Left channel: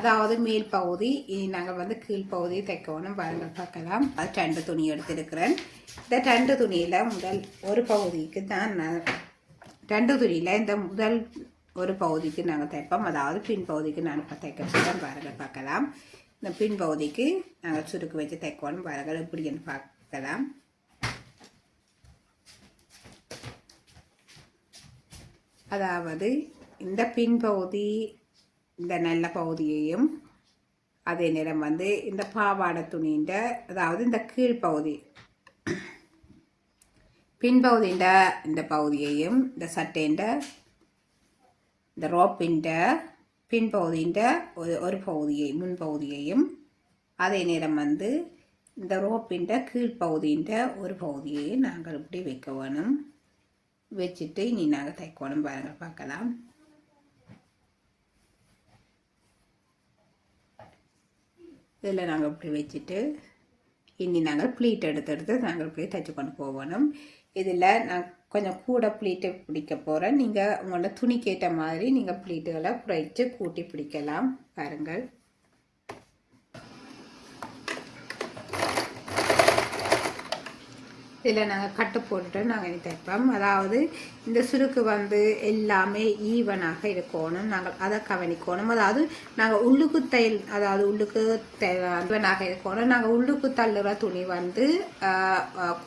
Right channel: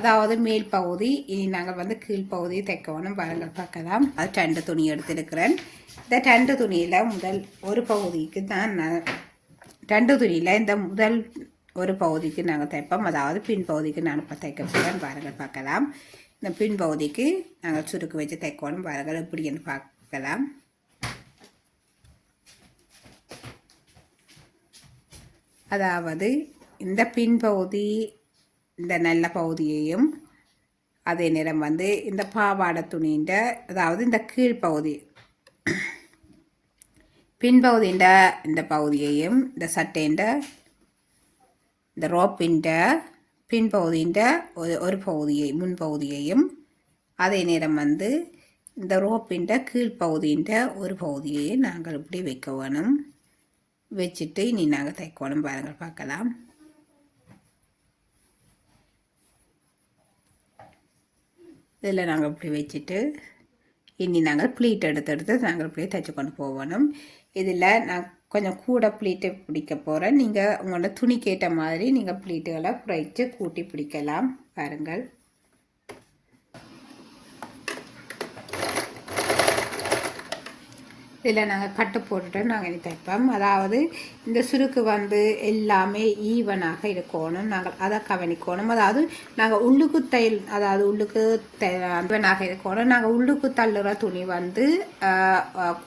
அதாவது மேல் பகுதி. இனி நாங்கள் வந்து கீழ்ப்பகுதியை தைக்கணும். பாருங்கள் பார்க்கலாம். அது 2 துணி எடுத்திருக்கிறேன். இந்த 2 துணியில் முதல் ஒரு பகுதிக்கு தான் நான் 2 துணியில் இந்த முதல் ஒரு பகுதிக்கு நாங்கள் தைப்போம். அதாவது பின் பகுதிக்கு நான் இப்போ தைக்க போகிறேன். பாருங்கள் பார்க்கலாம். இந்த பின் பகுதிக்கு நாங்கள் சுருக்கு வச்சு தைக்கணும். பாருங்கள் எப்படின்னு பார்க்கலாம். அதாவது இந்த பின்பகுதி இந்த நல்ல பகுதியையும் அதே நேரம் வந்து இந்த பாவாடை துணின்ற அதாவது இந்த கீழ்ப்பகுதி பின்பகுதின்ற இந்த பகுதியையும் இந்த சட்டைன்ற இந்த ரோப்பின்ற பின்பகுதின்ற ஒரு பகுதியை முன்பகுதியையும் அதே நேரம் வந்து இந்த ரோப்பின்ற கீழ்ப்பகுதின்ற ஒரு பகுதியையும் நாங்கள் இப்படி வைக்க வேணும். வச்சுட்டு இனி நாங்கள் தைக்கணும். பாருங்கள் பார்க்கலாம். இதில் நாங்கள் இப்படி வச்சுட்டு இனி நாங்கள் ப்ளீட் எடுத்து நாங்கள் இப்படியே தைச்சு கொண்டு போகணும். இதில் நான் கொஞ்சம் கூட ப்ளீட்டை பிடிக்க போகிறேன். நீங்கள் உங்களோட துணிக்கேற்ற மாதிரி நீங்கள் ப்ளீட்டுகளை குறைச்சி கூட்டி பிடிக்கலாம். பாருங்கள். இதில் நாங்கள் கட்டு போட்டுட்டு நாங்கள் இனி தைப்போம். அதாவது இந்த சுருக்கு வந்து எல்லாமே ஈவனாக இருக்கணும். நாங்கள் அதை கவனிக்கணும். அதாவது நாங்கள் உள்ளுக்கு அதாவது உள்ளுக்கு ஈவனாக இருக்கணும். நாங்கள் உள்ளுக்கு தள்ளுற துணி வந்து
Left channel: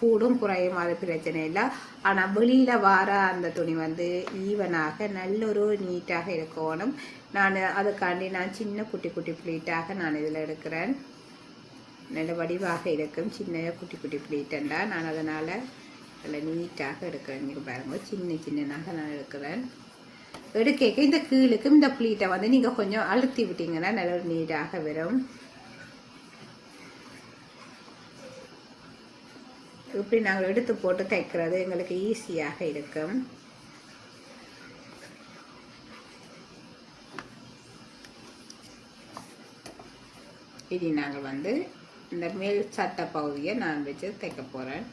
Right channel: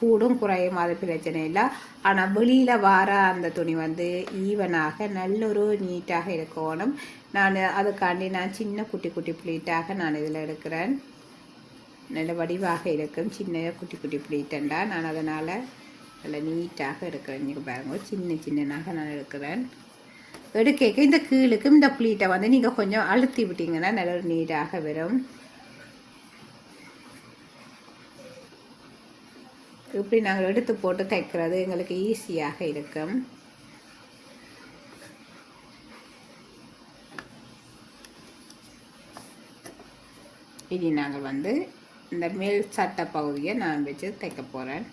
கூடும் குறையும், அது பிரச்சனை இல்லை. ஆனால் வெளியில் வர அந்த துணி வந்து ஈவனாக நல்லொரு நீட்டாக இருக்கணும். நான் அதுக்காண்டி நான் சின்ன குட்டி குட்டி ப்ளீட்டாக நான் இதில் எடுக்கிறேன். நல்ல வடிவாக இருக்கும். சின்ன குட்டி குட்டி ப்ளீட்டண்டா நான் அதனால் நல்ல நீட்டாக எடுக்கிறேன். நீங்கள் பாருங்கள், சின்ன சின்னதாக நான் எடுக்கிறேன். எடுக்க இந்த கீழுக்கும் இந்த ப்ளீட்டை வந்து நீங்கள் கொஞ்சம் அழுத்தி விட்டீங்கன்னா நல்ல நீட்டாக வரும். இப்படி நாங்கள் எடுத்து போட்டு தைக்கிறது எங்களுக்கு ஈஸியாக இருக்கும். இனி நாங்கள் வந்து இந்த மேல் சட்டை பகுதியை நான் வச்சு தைக்க போகிறேன்.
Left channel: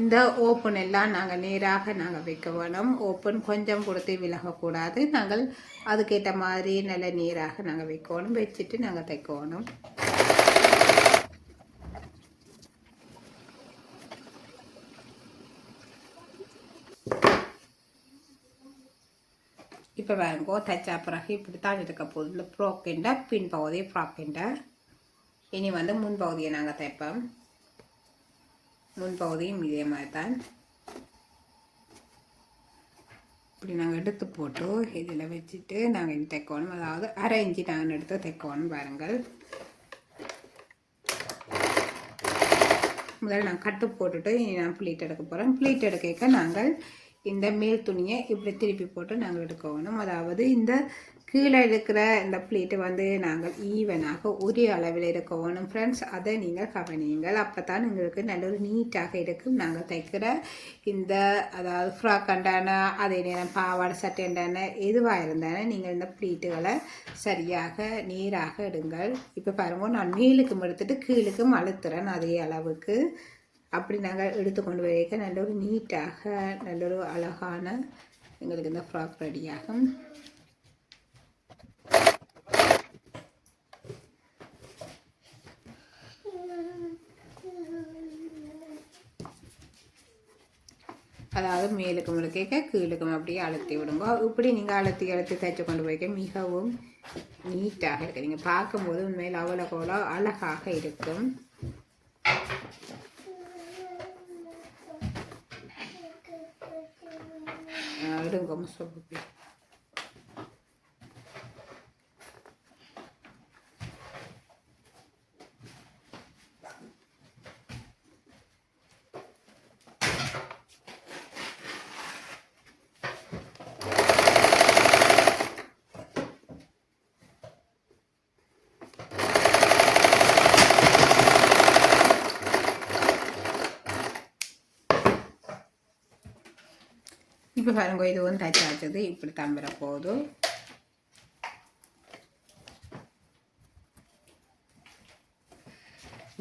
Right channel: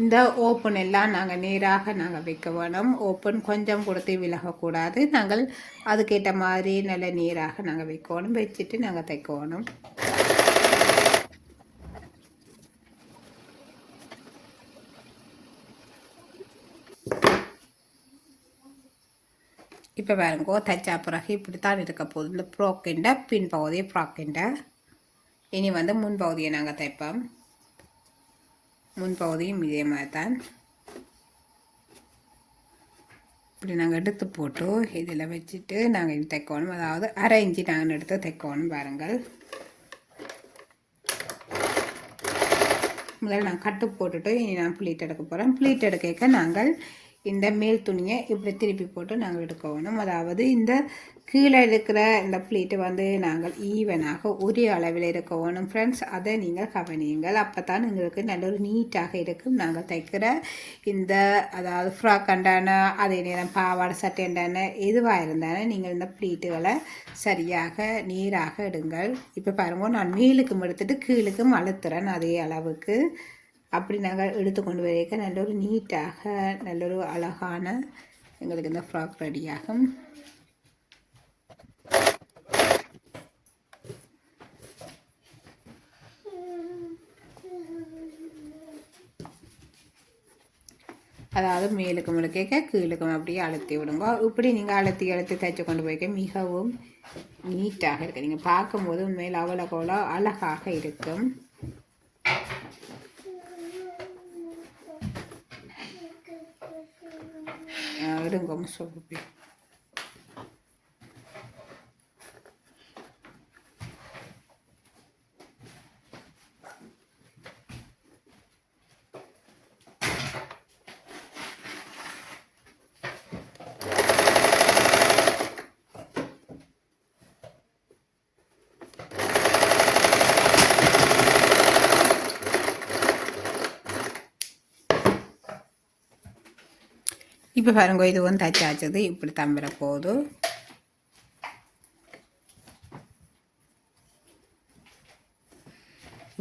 இந்த ஓப்பன் எல்லாம் நாங்கள் நேராக நாங்கள் வைக்க வேணும். ஓப்பன் கொஞ்சம் கொடுத்து விலகக்கூடாது. நாங்கள் அதுக்கேற்ற மாதிரி நல்ல நேராக நாங்கள் வைக்கணும். வச்சுட்டு நாங்கள் தைக்கணும். இப்போ பாருங்கோ, தைச்சா பிறகு இப்படித்தான் இருக்க போகுது. இந்த ஃப்ராக்கிண்ட பின் பகுதியை ஃப்ராக்கிண்ட. இனி வந்து முன்பகுதியை நாங்கள் தைப்போம். முன்பகுதியும் இதே மாதிரி தான். இப்படி நாங்கள் எடுத்து போட்டு இதில் வச்சுட்டு நாங்கள் இது தைக்கணும். அதாவது 1/2 இன்ச்சு நாங்கள் எடுத்து தைக்கணும். பாருங்கள். முதல்ல நான் கட்டு போட்டுட்டு இனி நான் ப்ளீட் எடுக்க போகிறேன். ப்ளீட் எடுக்க நாங்கள் இந்த மேல் துணியை இப்படி திருப்பி போட்டு நாங்கள் எடுக்க வேணும். அதாவது இந்த கீழே இருக்கிற இந்த ப்ளீட்டு வந்து நாங்கள் ஈவனாக ஒரே அளவில் இருக்க வேணும் ஃப்ரெண்ட்ஸ். அதை நீங்கள் கவனியுங்கள். அப்போ தான் எங்களுக்கு நல்ல ஒரு நீட்டாக இருக்கும். நாங்கள் தைக்கிற இந்த அதாவது ஃப்ராக் அண்டான அதே நேரம் பாவாடை சட்டைண்டான எதுவாக இருந்தாலும் நீங்கள் இந்த ப்ளீட்டுகளை சரியாக நீராக எடுங்கள். இப்போ பாருங்கள், நான் மேலுக்கும் எடுத்துட்டு கீழுக்கும் அழுத்துறேன் அதே அளவுக்கு. அப்படி நாங்கள் எடுத்து கொண்டு வரைக்க நல்ல ஒரு நீட்டாக நல்ல ஒரு அழகான எங்களுக்கு இந்த ஃப்ராக் ரெடியாகும். அதாவது மேலுக்கு முழுக்க கீழுக்கும் அப்படியே அழுத்தி விடுங்க. இப்படி நீங்கள் அழுத்தி தைச்சு கொண்டு போய்க்க மிகவும் நீட்டாக இருக்குது. நீங்கள் பார்க்கும்போது உண்மையில் அவ்வளோ அழகாக இருக்கும். எடுங்க சொல்லி இப்போ பாருங்க இதுவும் தைச்சாச்சது இப்படி தம்பிர போகுது.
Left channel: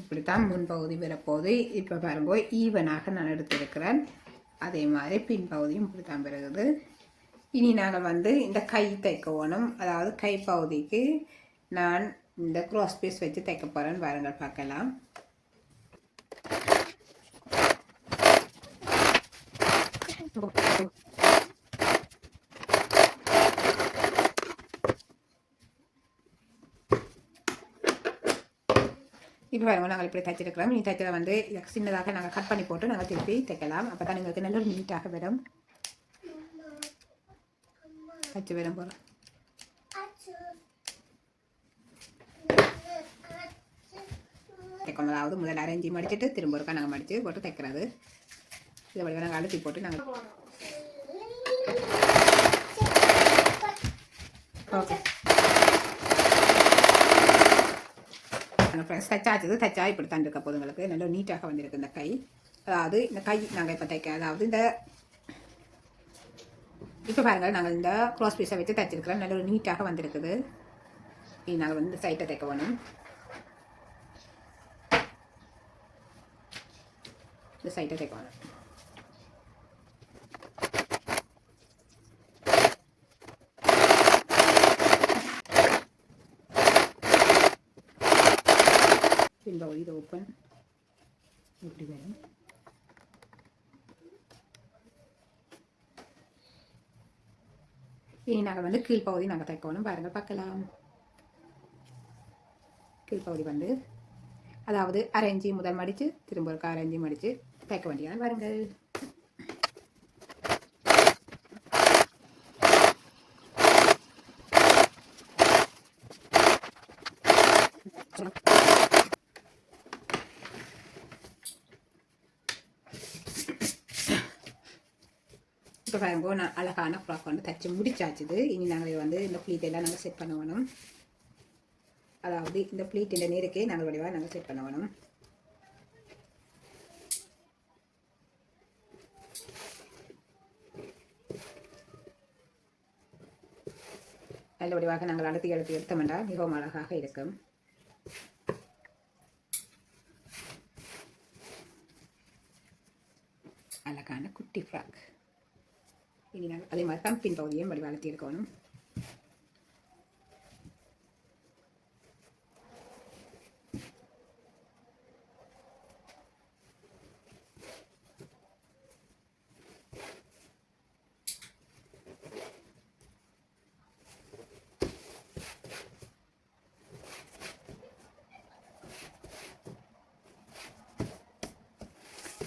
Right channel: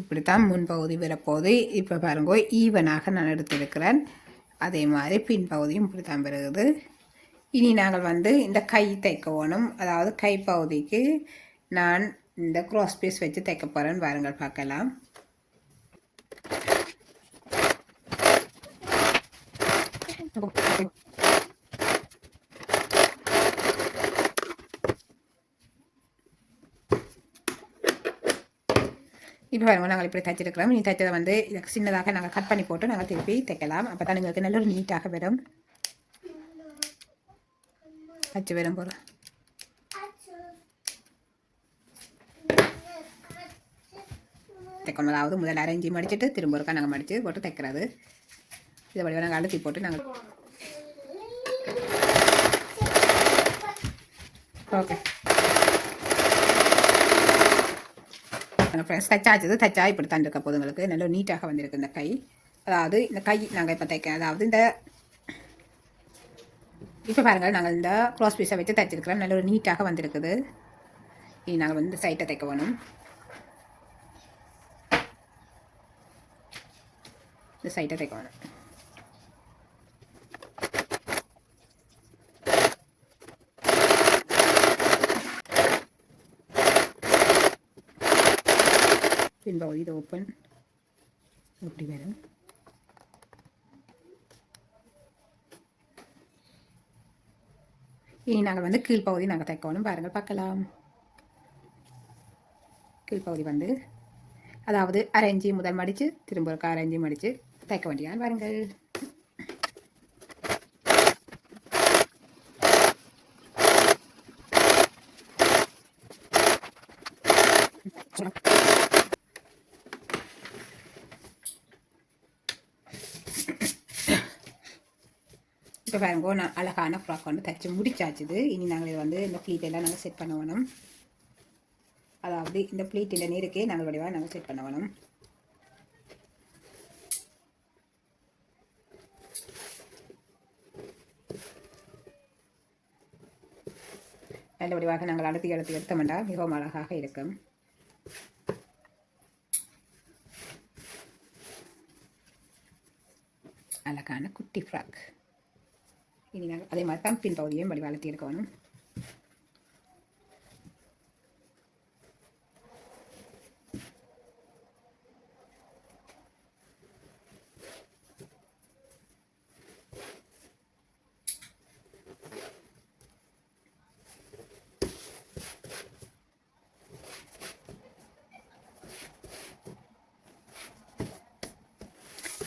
இப்படித்தான் முன்பகுதி வரப்போகுது. இப்போ பாருங்க ஈவனாக நான் எடுத்திருக்கிறேன். அதே மாதிரி பின்பகுதியும் இப்படி தான் பெறுகிறது. இனி நாங்கள் இந்த கை தைக்க வேணும். அதாவது கை பகுதிக்கு நான் இந்த க்ராஸ் பீஸ் வச்சு தைக்க போகிறேன்னு பாருங்கள் பார்க்கலாம். இப்போ பாருங்க நாங்கள் இப்படி தைச்சிருக்கிறோம். நீ தைச்சதை இதுக்கு சின்னதாக நாங்கள் கட் பண்ணி போட்டு நாங்கள் திருப்பி தைக்கலாம். அப்போ தான் எங்களுக்கு நல்ல ஒரு நீட்டாக வரும். தைச்சு வரும் போல தைக்கணும். அதாவது முதல்ல அரைஞ்சி மடிச்சுட்டு திரும்ப ஒருக்கா நாங்கள் மடித்து போட்டு தைக்கிறது. இதை வழியாக நாங்கள் அழுத்தி போட்டு நாங்கள் ஓகே ஃப்ரெண்ட்ஸ் தைச்சா இப்படி தான் இருக்க போதுங்களுக்கு நல்ல நீட்டாக வந்திருக்கு இந்த கை. அதாவது இந்த கை நாங்கள் இப்போ தைக்க அதாவது இந்த இப்போ பாருங்கள் நாங்கள் இந்த க்ராஸ் பீஸை வச்சு தைச்சிருக்கிறோம். நல்ல ஒரு நீட்டாக வந்திருக்குது. இனி நாங்கள் இந்த சைட்டை தைக்க வேணும். இந்த சைட்டை தைக்க வேணும். பின்பகுதி இது ஓப்பன் இப்படி வரும். இனி நாங்கள் கீழ்ப்பகுதி நாங்கள் தைக்கணும். பாருங்கள் பார்க்கலாம். கீழ்ப்பகுதி அதாவது அரைஞ்சி முதல் மடித்து திரும்ப ஒரு அரைஞ்சி மடித்து தைக்க வேண்டியதான் பாருங்கள். இப்போ பாருங்க நான் அழகான ஃப்ராக் தைச்சி முடிச்சாச்சுது. இனி நாங்கள் இந்த ப்ளீட் எல்லாம் நாங்கள் செட் பண்ண வேணும். அதாவது இந்த ப்ளீட் இந்த நீருக்கே நாங்கள் வடிவாக நாங்கள் செட் பண்ண வேணும். நல்ல வடிவாக நாங்கள் அழுத்தி எடுத்தோம்னா மிகவும் அழகாக இருக்கும். அழகான குட்டி ஃப்ராக். இனி நாங்கள் அதே மாதிரி தான் பின்பகுதியும் வடி வளர்த்தி எடுக்கணும்.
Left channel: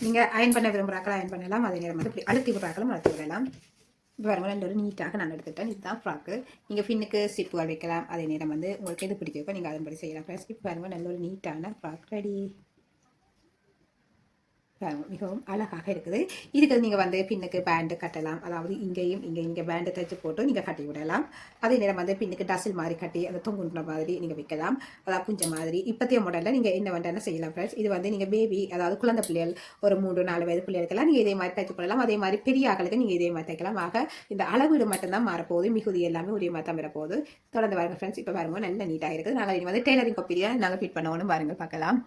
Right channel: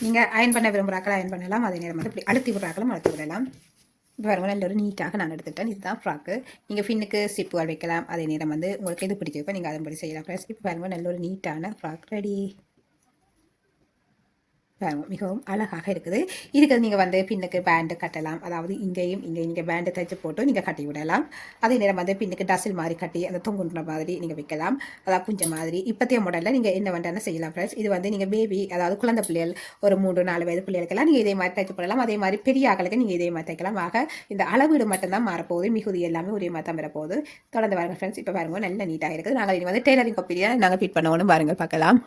நீங்கள் அயன் பண்ண விரும்புகிறாக்கள் அயன் பண்ணலாம். அதே நேரம் இப்படி அழுத்தி விடுறாக்களும் அழுத்தி விடலாம். பாருங்க நல்ல ஒரு நீட்டாக நான் எடுத்துட்டேன். இதுதான் ஃப்ராக்கு. நீங்கள் ஃபின்னுக்கு சிப்புகள் வைக்கலாம். அதே நேரம் உங்களுக்கு எது பிடிச்சிருக்கோ நீங்கள் அதன்படி செய்யலாம். ஃப்ரெண்ட்ஸ் இப்போ பாருங்கள் நல்ல ஒரு நீட்டான ஃப்ராக் ரெடி. மிகவும் அழகாக இருக்குது. இதுக்கு நீங்கள் பின்னுக்கு பேண்டு கட்டலாம். அதாவது இங்கே பேண்டு தைச்சு போட்டு நீங்கள் கட்டி விடலாம். அதே நேரம் பின்னுக்கு டசில் மாதிரி கட்டி அந்த தொங்குன்ற மாதிரி நீங்கள் வைக்கலாம். அதாவது குஞ்சம் மாதிரி இப்போத்தைய மாடலில் நீங்கள் என்ன வேண்டாம்னு செய்யலாம் ஃப்ரெண்ட்ஸ். இது நீங்கள் பேபி அதாவது குழந்தை பிள்ளைகள் ஒரு 3-4 வயது பிள்ளைகளுக்கெல்லாம் நீங்கள் இதே மாதிரி தைச்சு போடலாம். அதே மாதிரி பெரிய ஆக்களுக்கு நீங்கள் இதே மாதிரி தைக்கலாம். ஆக இந்த அளவீடு மட்டும்தான் மாறப்போகுது. மிகுதி எல்லாமே ஒரே மாதிரி தான் வரப்போகுது. தொடர்ந்து பாருங்கள் ஃப்ரெண்ட்ஸ். இப்போ பாருங்கள் நல்ல நீட்டாக இருக்குது. நாங்கள் இது டெய்லரிங் காப்பியாக நாங்கள் ஃபிட் பண்ணணும். பாருங்கள் பார்க்கலாம்.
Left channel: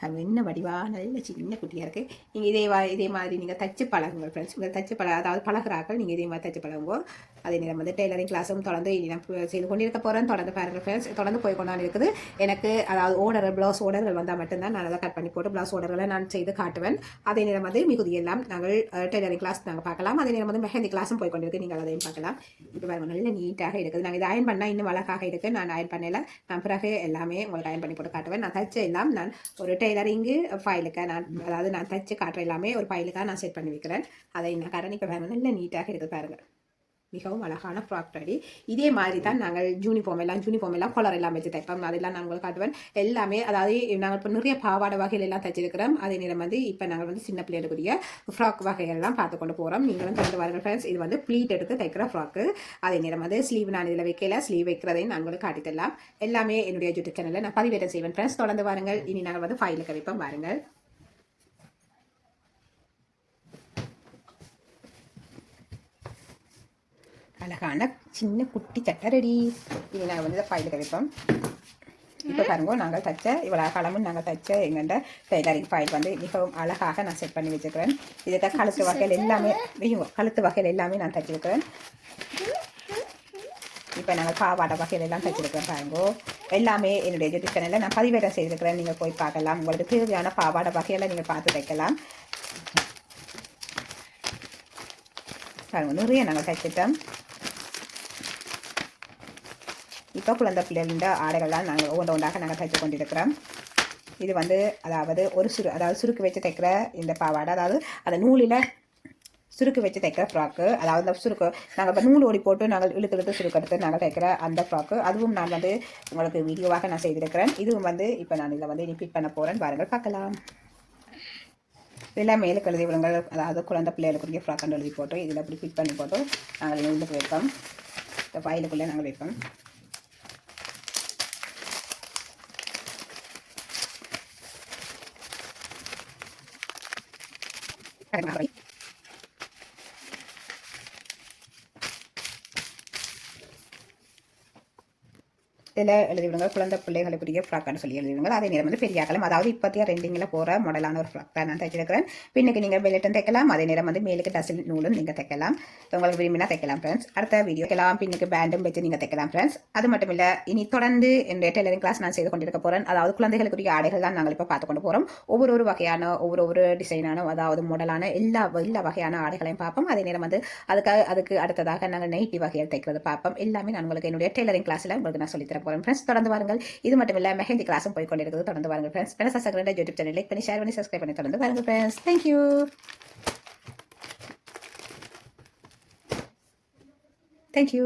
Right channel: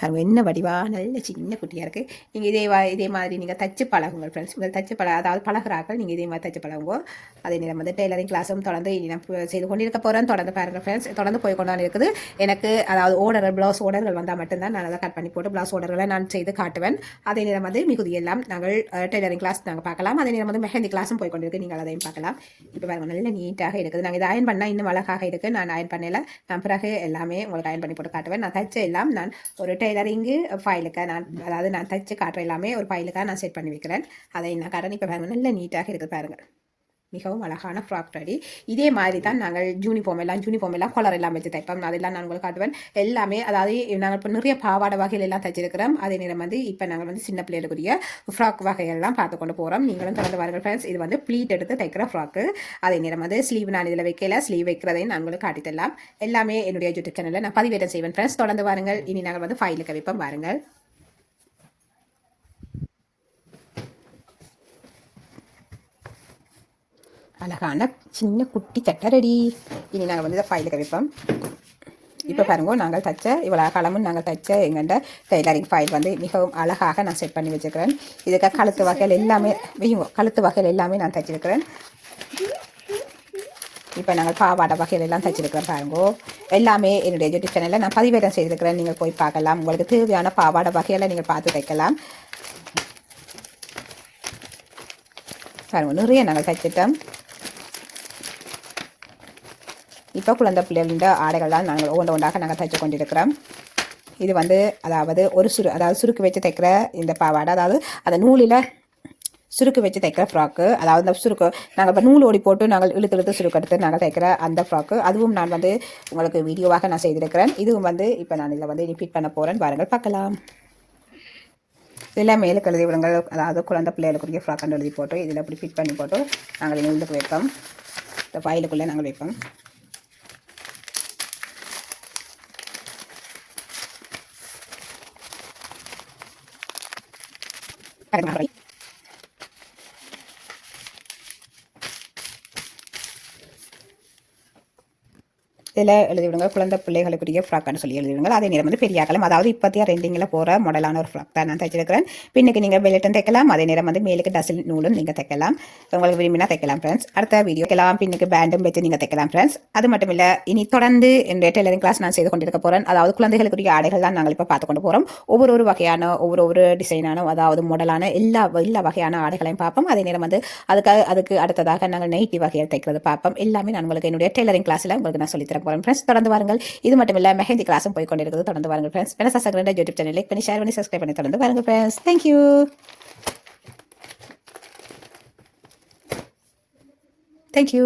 பாருங்கள் என்ன வடிவாக நல்ல சின்ன குட்டியாக இருக்குது. நீங்கள் இதே மாதிரி நீங்கள் தச்சு பழகுங்க ஃப்ரெண்ட்ஸ். தச்சு அதாவது பழகிறார்கள் நீங்கள் இதே மாதிரி தச்சு பழகுங்க. அதே நேரம் டெய்லரிங் கிளாஸும் தொடர்ந்து நான் செய்து கொண்டிருக்க போகிறேன். தொடர்ந்து பாருங்கள் ஃப்ரெண்ட்ஸ். தொடர்ந்து போய் கொண்டாந்து இருக்குது. எனக்கு அதாவது ப்ளவுஸ் ஓர்டர்கள் வந்தால் மட்டும்தான் நான் அதை கட் பண்ணி போட்டு ப்ளவுஸ் ஓர்டர்களை நான் செய்து காட்டுவேன். அதே நேரம் மிகுதி எல்லாம் நாங்கள் டெய்லரிங் கிளாஸ் நாங்கள் பார்க்கலாம். அதே நேரம் மெஹந்தி கிளாஸும் போய் கொண்டிருக்கு. நீங்கள் அதையும் பார்க்கலாம். இப்போ பாருங்கள் நல்ல நீட்டாக இருக்குது. நாங்கள் இதை அயன் பண்ணால் இன்னும் அழகாக இருக்குது. நான் அயன் பண்ணல. நான் பிறகு எல்லாமே உங்களுக்கு அயன் பண்ணி போட்டு காட்டுவேன். நான் தச்ச எல்லாம் நான் ஒரு டெய்லரிங்கு ஃபைலுக்காக நான் தைச்சு காட்டுற எல்லாமே ஒரு ஃபைலுக்காக நான் செட் பண்ணி வைக்கிறேன். அதை நான் காரணம் இப்போ பாருங்கள் நல்ல நீட்டாக இருக்குது. பாருங்கள் மிகவும் அழகான ஃப்ராக் ரெடி. இதே மாதிரி தான் நாங்கள் யூனிஃபார்ம் எல்லாம் கலர் எல்லாம் வச்சு தைப்போம். அதெல்லாம் நான் உங்களுக்கு காட்டுவேன். எல்லாமே அதாவது நாங்கள் இப்போ நிறைய பாவாடை வகைகள் எல்லாம் தைச்சிருக்கிறோம். அதே நேரம் இப்போ நாங்கள் சின்ன பிள்ளைகளுக்குரிய ஃப்ராக் வகைகள்லாம் பார்த்து கொண்டு போகிறோம். நீங்களும் தொடர்ந்து வாருங்கள் ஃப்ரெண்ட்ஸ். இது ப்ளீட் எடுத்து தைக்கிற ஃப்ராக்கு. அதே நேரம் ஸ்லீவ் நான் இதில் வைக்கல. ஸ்லீவ் வைக்கிறதையும் நான் உங்களுக்கு காட்டித்தரலாம். எல்லாமே என்னுடைய யூடியூப் சேனலில் நான் பதிவேற்றம் செய்வேன் ஃப்ரெண்ட்ஸ். தொடர்ந்து வாருங்கள். இனி நாங்கள் ஃபைலுக்கு வைப்போம். பாருங்கள் அழகான சின்ன குட்டி சட்டை ரெடி. இனி நாங்கள் வந்து இதை ஃபைலுக்கு வைப்போம். இப்போ பாருங்க, நாங்கள் தைச்ச இவ்வளோ காலமும் நாங்கள் தைச்ச எங்கள்கிட்ட டெய்லரிங் ஃபைல் வந்து மிகவும் அழகாக நான் செட் பண்ணி வச்சுக்கிறேன். இதுக்கு கழுத்து வகையில் எல்லாமே கழுத்து வகையில் எல்லாமே நான் தைச்சிருக்கிறேன். இப்போ நாங்கள் பாவாடை வகையில் எல்லாம் தைச்சிருக்கிறேன். பாருங்கோ, எல்லாமே என்னுடைய யூடியூப் சேனலில் நான் பதிவேற்றம் செய்திருக்கிறேன். நீங்கள் போய் பார்க்கலாம். உங்களுக்கு தேவையான பாவாடை வகையில் நீங்கள் பார்த்து தைக்கலாம். பாருங்க, நிறைய நாங்கள் தைச்சிட்டோம். இப்போ குழந்தை பிள்ளைகள ஆடைகள்லாம் நாங்கள் ஒன்றாக நாங்கள் தைச்சு கொண்டிருக்கிறோம். இது வந்து அதாவது சுருக்கு வச்சு தைக்கிற இந்த பாவாடை, அதாவது அந்த நூலில் சுருக்கு வச்சு தைக்கிற ஃப்ராக்கு, அதாவது அந்த சுருக்கு நாங்கள் இப்போ நூல் ஓடி போட்டு நாங்கள் இழுத்து சுருக்கு எடுத்து நாங்கள் தைக்கிற அந்த ஃப்ராக்கு, அதுவும் நான் வந்து உங்களுக்கு வீடியோவாக நான் செய்திருக்கிறேன். இதுவும் வந்து இப்போ நான் இதில் வந்து ரிப்பீட் பண்ண போகிறேன். பாருங்கள், பார்க்கலாம். இதெல்லாம் மேலுக்கு எழுதி விடுங்கள். அதாவது குழந்தை பிள்ளைகளுக்குரிய ஃப்ராக்குன்னு எழுதி போட்டு இதில் இப்படி ஃபிட் பண்ணி போட்டு நாங்கள் நூலுக்கு வைப்போம். இந்த ஃபைலுக்குள்ளே நாங்கள் வைப்போம். இதில் எழுதிவிடுங்க, குழந்தை பிள்ளைகளுக்குரிய ஃப்ராக்னு சொல்லி எழுதிவிடுங்க. அதே நேரம் வந்து பெரிய காலம், அதாவது இப்போத்தியா ரெண்டிங்கில் போகிற மாடலான ஒரு ஃப்ராக் தான் நான் தைச்சிருக்கிறேன். பின்னுக்கு நீங்கள் பெல்ட்டும் தைக்கலாம், அதே நேரம் வந்து மேலுக்கு டசில் நூலும் நீங்கள் தைக்கலாம். உங்களுக்கு விரும்பினா தைக்கலாம் ஃப்ரெண்ட்ஸ். அடுத்த வீடியோ தைக்கலாம், பின்னுக்கு பேண்டும் வச்சு நீங்கள் தைக்கலாம் ஃப்ரெண்ட்ஸ். அது மட்டும் இல்லை, இனி தொடர்ந்து இந்த டெய்லரிங் கிளாஸ் நான் செய்து கொண்டிருக்க போகிறேன். அதாவது குழந்தைகளுக்குரிய ஆடைகள் தான் நாங்கள் இப்போ பார்த்து கொண்டு போகிறோம். ஒவ்வொரு வகையான ஒவ்வொரு டிசைனான, அதாவது மாடலான எல்லா வகையான ஆடைகளையும் பார்ப்போம். அதே நேரம் வந்து அதுக்கு அடுத்ததாக நாங்கள் நைட்டி வகையில் தைக்கிறது பார்ப்போம். எல்லாமே நான் உங்களுக்கு என்னுடைய டெய்லரிங் கிளாஸில் உங்களுக்கு நான் சொல்லித்தரேன் ஃப்ரெண்ட்ஸ். தொடர்ந்து வாருங்கள். இது மட்டும் இல்ல, மெஹந்தி கிளாஸும் போய் கொண்டிருக்கிறது. தொடர்ந்து வாருங்கள் ஃப்ரெண்ட்ஸ். பெனசா சகரண்ட யூடியூப் சேனல் லைக் பண்ணி ஷேர் பண்ணி சப்ஸ்கிரைப் பண்ணி தொடர்ந்து வாருங்கள் ஃப்ரெண்ட்ஸ். தேங்க்யூ. தேங்க்யூ.